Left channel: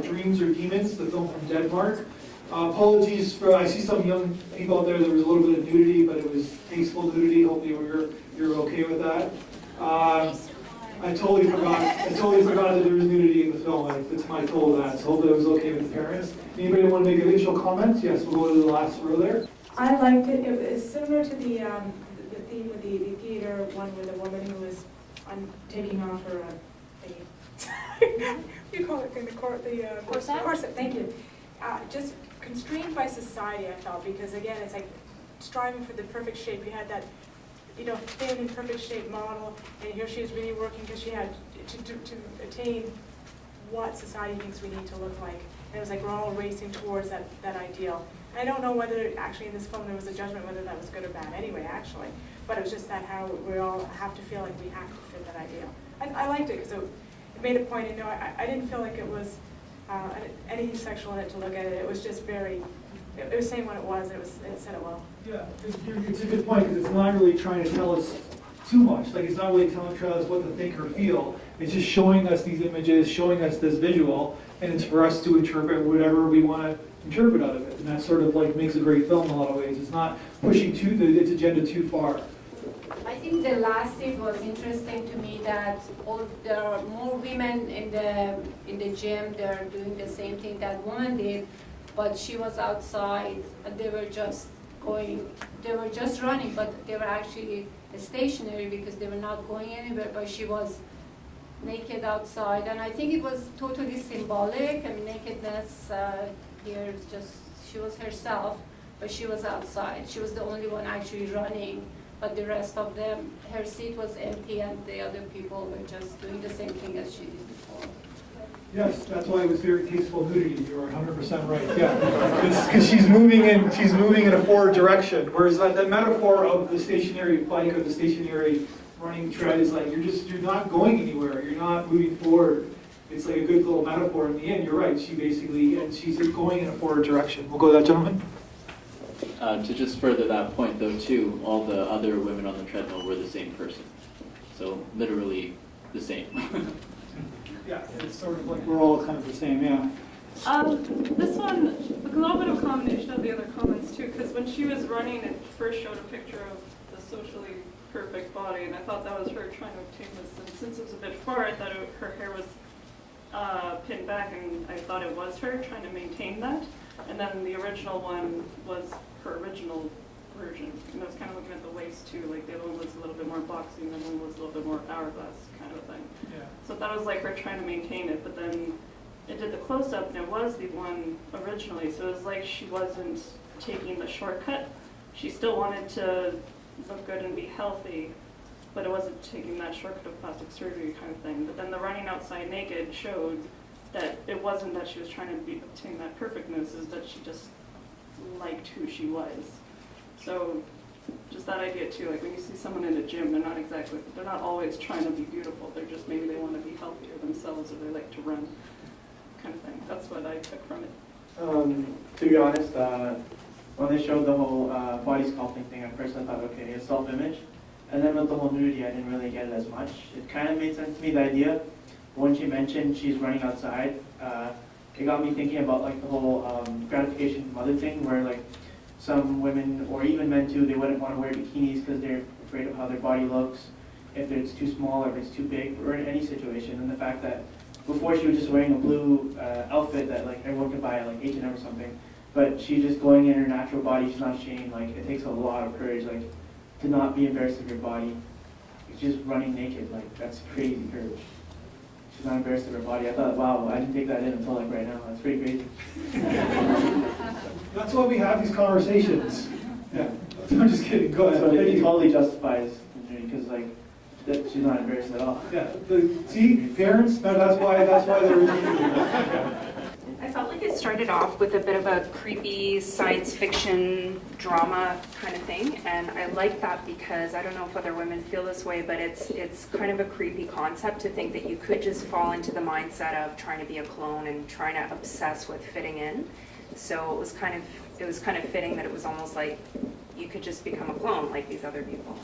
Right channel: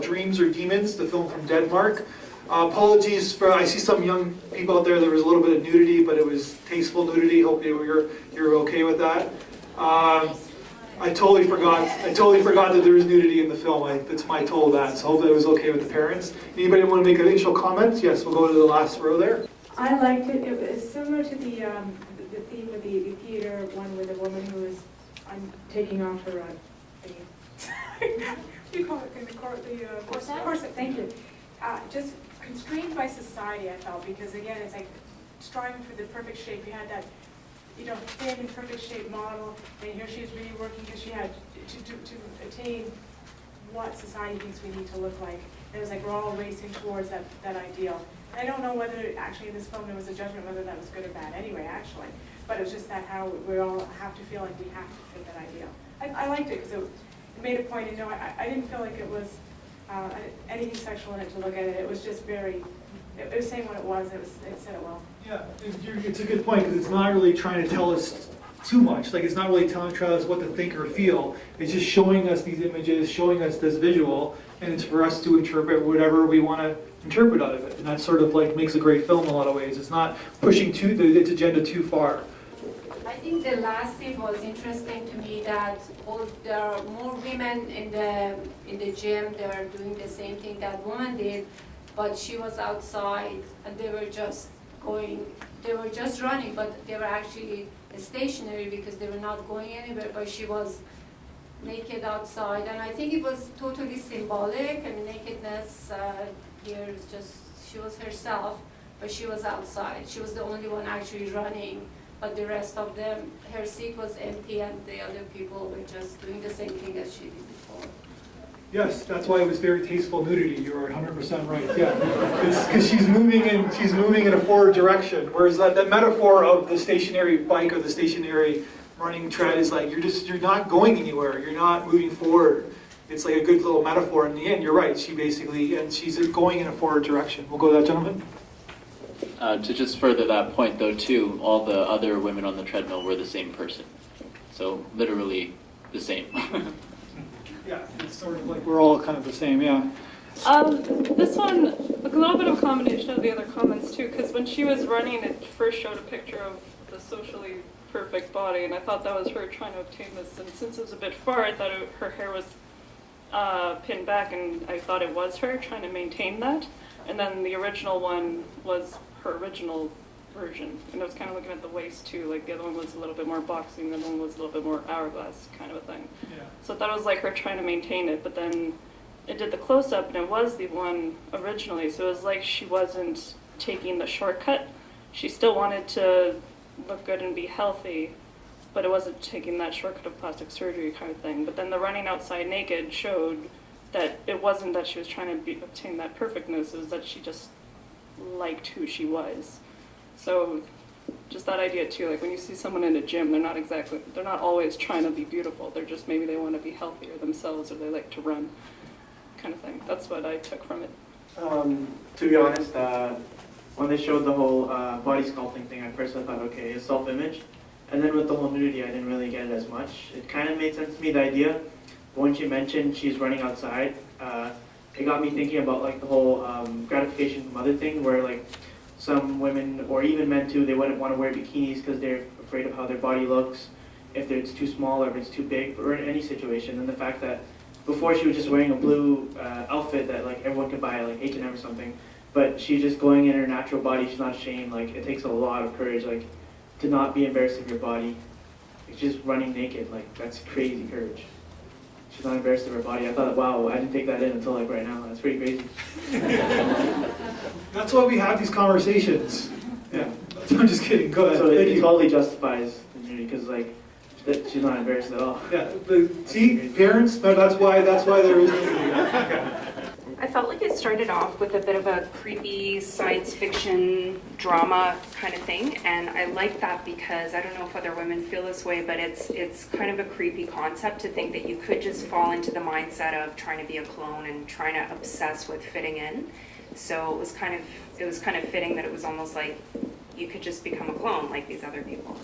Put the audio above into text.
Dreams or Demons, the film from Denmark. Apologies for, I see some young people out there, there was a little bit of nudity, but it was tasteful nudity. Hope you're okay with that. I totally forgot that there was nudity in the film. It's my total that, so hopefully it was okay with the parents. Anybody want to make initial comments? Yes, we'll go to the last row there. I liked it. It was similar to the theme of the theater one with a woman who was taking off her you call it the corset. Thank you. Just constrained by society, I felt, because again, it's like striving for the perfect shape. You had that, thin and perfect shape model, and here she is really working because she had to attain what society thinks we need to look like. And it was like we're all racing towards that ideal. I don't know whether actually in this film there was a judgment whether that was good or bad anyway, actually. But it was just that how we all have to feel like we have to fit that ideal. I liked it because it made a point, I didn't feel like it was anything sexual in it to look at it. It was just very, it was saying what it was, it said it well. Yeah, it's a good point, because it's not really trying to tell us too much. Like, it's not really telling us what to think or feel. It's just showing us these images, showing us this visual, and it's for us to interpret whatever we want to interpret out of it. And that sort of like makes a great film in a lot of ways. It's not pushing its agenda too far. I think the last scene was interesting to me, that there are more women in the gym. They're doing the same thing that woman did, but she was outside and they were just running, but they were actually stationary because they were not going anywhere, but she was naked outside. And I think it was totally symbolic. I mean, nakedness here is just, she was herself, but she was outside. She was the only one actually running, but the rest of them, her seat was empty and the other people were just doing the same thing as she did before. Yes, that's why it was very tasteful nudity. You were 100% right. Yeah, because she's moving in a forward direction. Whereas that metaphor of the stationary bike or the stationary running tread is like you're not going anywhere. You're not moving forward. It's like a good little metaphor. In the end, you're right. She's going in a forward direction. We'll go to that gentleman. To just further that point, though, too, all the other women on the treadmill were the same person. So literally the same. Yeah, it's sort of like we're all kind of the same, yeah. This one, a little bit of a combination of the other comments too, because when she was running, it first showed a picture of the socially perfect body, and I thought that was her trying to obtain this. And since it was a bit far, I thought her hair was pinned back, and I thought it was her trying to maintain that. And then the original one was her original version, and I was kind of looking at the waist too. Like the other one was a little bit more boxing, the other one was a little bit more hourglass kind of a thing. Yeah. So that was like her trying to maintain it, but then it did the close-up and it was the one originally, so it was like she wasn't taking the shortcut. She still wanted to look good and be healthy, but it wasn't taking that shortcut of plastic surgery kind of thing. But then the running outside naked showed that it wasn't that she was trying to obtain that perfectness, it was that she just liked who she was. So just that idea too, like when you see someone in a gym, they're not always trying to be beautiful. They're just, maybe they want to be healthier themselves, or they like to run, kind of thing. That's what I took from it. To be honest, when they showed the whole body sculpting thing, at first I thought, okay, it's self-image. And then with the whole nudity, I didn't really get it as much. It kind of made sense to me, the idea. But when she mentioned she's running outside, it got me thinking about like the whole gratification from mother thing, where like some women, or even men too, they wouldn't want to wear bikinis because they're afraid of how their body looks, if it's too small or if it's too big, or in any situation. And the fact that before she was just wearing a blue outfit that like everyone could buy at like H&M or something, but she's just going in her natural body, she's not ashamed. Like, it takes a lot of courage, like, to not be embarrassed of your body. It's just running naked, like, that's crazy courage. She's not embarrassed of her body. I thought, wow, I didn't take that in until like right now. That's pretty crazy. That's why we have these conversations. Yeah, I'm just kidding. Go ahead. So it totally justifies injury because like she's not embarrassed at all. Yeah. See, parents. That's why there was. I felt like it started off with a bit of a creepy science fiction drama kind of thing, and I like that because I don't know if other women feel this way, but it's kind of a creepy concept to think that you could just fall into the mindset of trying to be a clone and trying to obsess with fitting in. So it was kind of fitting that it was almost like you could just become a clone like these other people.